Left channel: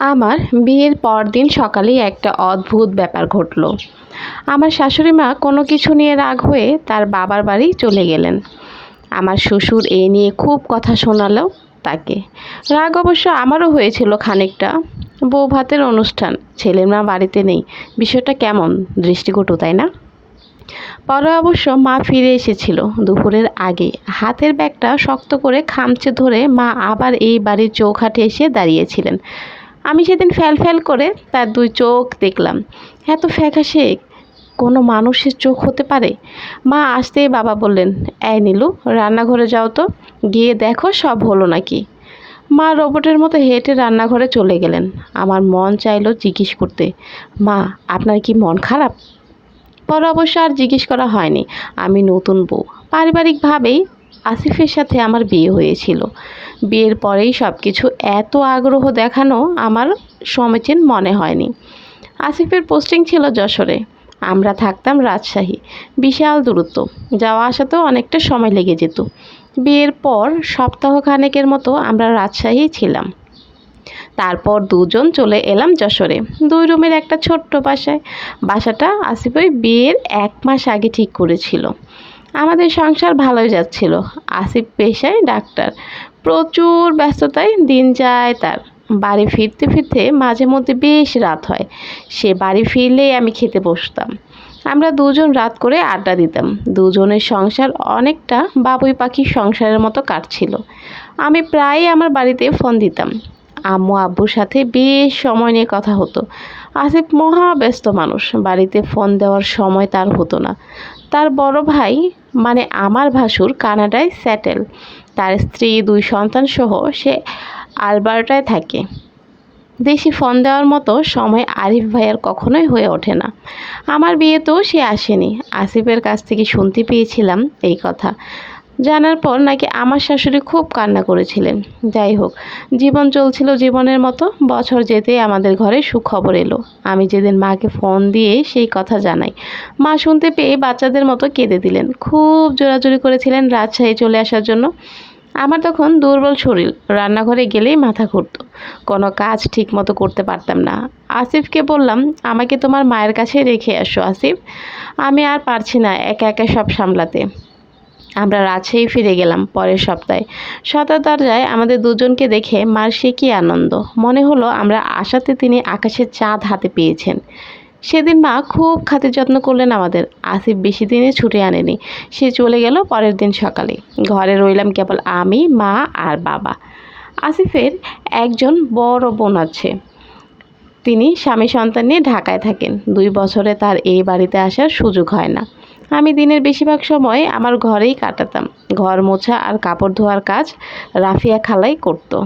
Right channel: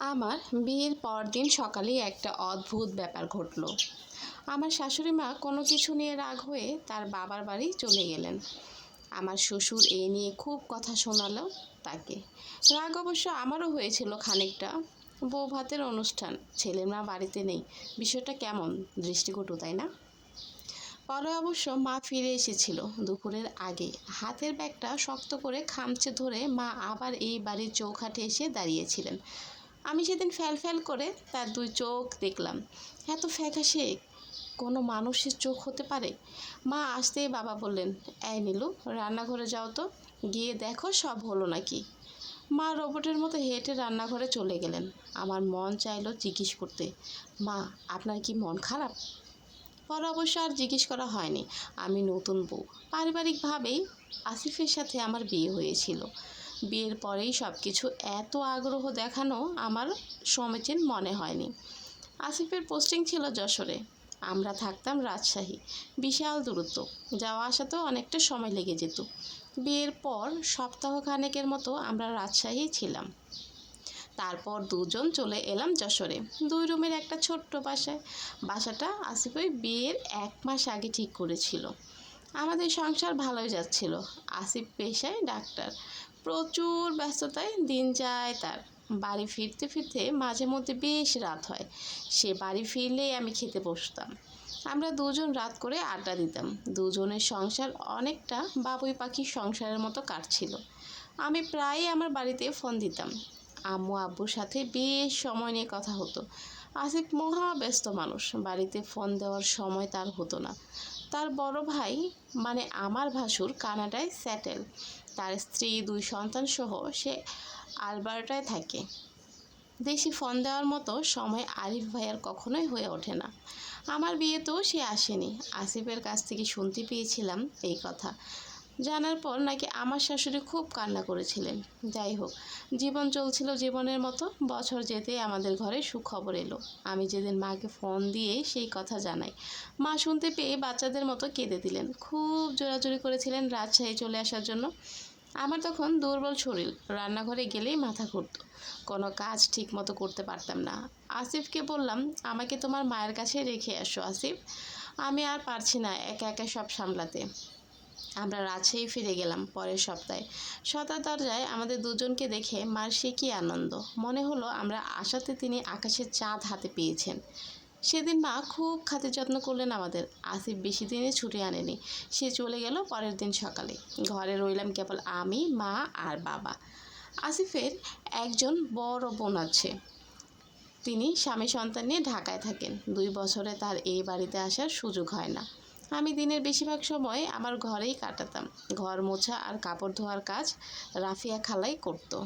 আমার বিয়ের পরদিন সকালেই একটা অদ্ভুত ব্যাপার ঘটলো। আমার শাশুড়ি মা কোনো কিছু নিয়ে রাগ হয়ে তার বাবার বাড়ি চলে গেলেন। আমার শ্বশুর এ নিয়ে খুব কথা শোনালো তাকে। রাগ অবশ্য আমারও হয়েছিল খানিকটা। বউ ভাতের অনুষ্ঠান ছেলের মা বাড়িতে নেই, বিষয়টা কেমন দৃষ্টিকটু, তাই না? পরে অবশ্য মা ফিরে এসেছিল দুপুরের আগে। হাতের ব্যাগটা শক্ত করে খামচে ধরে মা আবার এই বাড়ির চৌখাটে এসে দাঁড়িয়েছিলেন। আমি সেদিন ফ্যাল ফ্যাল করে তার দুই চোখ দেখলাম। এত ফ্যাকাশে কোনো মানুষের চোখ হতে পারে? মা আসতেই বাবা বললেন, এই নীলু, রান্নাঘরে যাও তো, গিয়ে দেখো সব হলো নাকি? মা রোবটের মতো হেঁটে রান্নাঘরে চলে গেলেন। আমার মন চাইলো জিজ্ঞেস করতে, মা, আপনার কি মন খারাপ? পরে অবশ্য আর জিজ্ঞেস করা হয়নি। আমি নতুন বউ। পারিবারিকভাবেই আসিফের সাথে আমার বিয়ে হয়েছিল। বিয়ের পরেই সব কিছু এত আগ্রহ দেখানো আমার সমীচীন মনে হয়নি। আসিফের পোস্টিং ছিল যশোরে। আমরা থাকতাম রাজশাহী। বিশাল দূরত্ব। যাওয়া আসাতেও অনেকটা সময় লেগে যেত। বিয়ের পর সপ্তাহখানেকের মতো আমরা রাজশাহী ছিলাম। তারপর দুজন চলে এলাম যশোরে। দুই রুমের একটা ছোট্ট বাসায়। বাসাটা আসিফ ওই বিয়ের এক মাস আগে ঠিক করেছিল। আমাদের সংসার ভালোই যাচ্ছিল। আসিফ পেশায় ডাক্তার। প্রচুর ব্যস্ততায় দিন যায় তার। বাড়ি ফিরতে ফিরতে মাঝে মধ্যে বেশ রাত হয়। সে বাড়ি ফিরলেই আমি খেতে বসতাম। আমরা দুজন রাত করে আড্ডা দিতাম। দুজনের সংসার অনেকটা বাবুই পাখির সংসারের মতো কাটছিল। আমি প্রায়ই আমার বাড়িতে ফোন দিতাম। আম্মু, আব্বুর সাথে বেশ সময় নিয়ে কথা হতো। আসিফ মহা ব্যস্ত মানুষ। বাড়িতে ফোন দেওয়ার সময় তার হতো না। তার বড় ভাই মানে আমার ভাসুর, কানাডায় স্যাটেল তার স্ত্রী, দুই সন্তান সহ সে আলবার্টায় থাকে। দেশি ফোন দেওয়ার মতো সময় আরিফ ভাইয়ার কখনোই হয়ে ওঠে না। আমার বিয়েতেও সে আসেনি। আসিফের কাছ থেকে শুনতে পেয়েছিলাম এই কথা। জানার পর নাকি আমার শাশুড়ি খুব কান্না করেছিলেন। যাই হোক, জীবন চলছিল জীবনের মতো, বছর যেতে আমাদের ঘরে সুখবর এলো। আমি যেদিন মাকে ফোন দিয়ে সেই কথা জানাই। মা শুনতে পেয়ে বাচ্চাদের মতো কেঁদে দিলেন। খুব জোরাজোরি করেছিলেন রাজশাহী চলে আসার জন্য। আমার তখন দুর্বল শরীর, রান্নাঘরে গেলেই মাথা ঘুরতো। কোনো কাজ ঠিক মতো করতে পারতাম না। আসিফকে বললাম, আমাকে তোমার মায়ের কাছে রেখে আসো, আসিফ। আমি আর পারছি না একা একা সব সামলাতে। আমরা রাজশাহী ফিরে গেলাম পরের সপ্তাহে। সদর দরজায় আমাদের দুজনকে দেখে মার সে কী আনন্দ। মনে হলো আমরা আশাতে তিনি আকাশের চাঁদ হাতে পেয়েছেন। সেদিন মা খুব খাতির যত্ন করলেন আমাদের। আসিফ বেশি দিনে ছুটে আনেনি। সে চলে গেল পরের দিন সকালে। ঘরে রইলাম কেবল আমি, মা আর বাবা। আসিফের একজন বড় বোন আছে। তিনি স্বামী সন্তান নিয়ে ঢাকায় থাকেন। দুই বছরে তার এই বাড়িতে আসার সুযোগ হয় না। আমি দিনের বেশিরভাগ সময় আমার ঘরেই কাটাতাম। ঘর মোছা আর কাপড় ধোয়ার কাজ রাফিয়া খালাই করতো।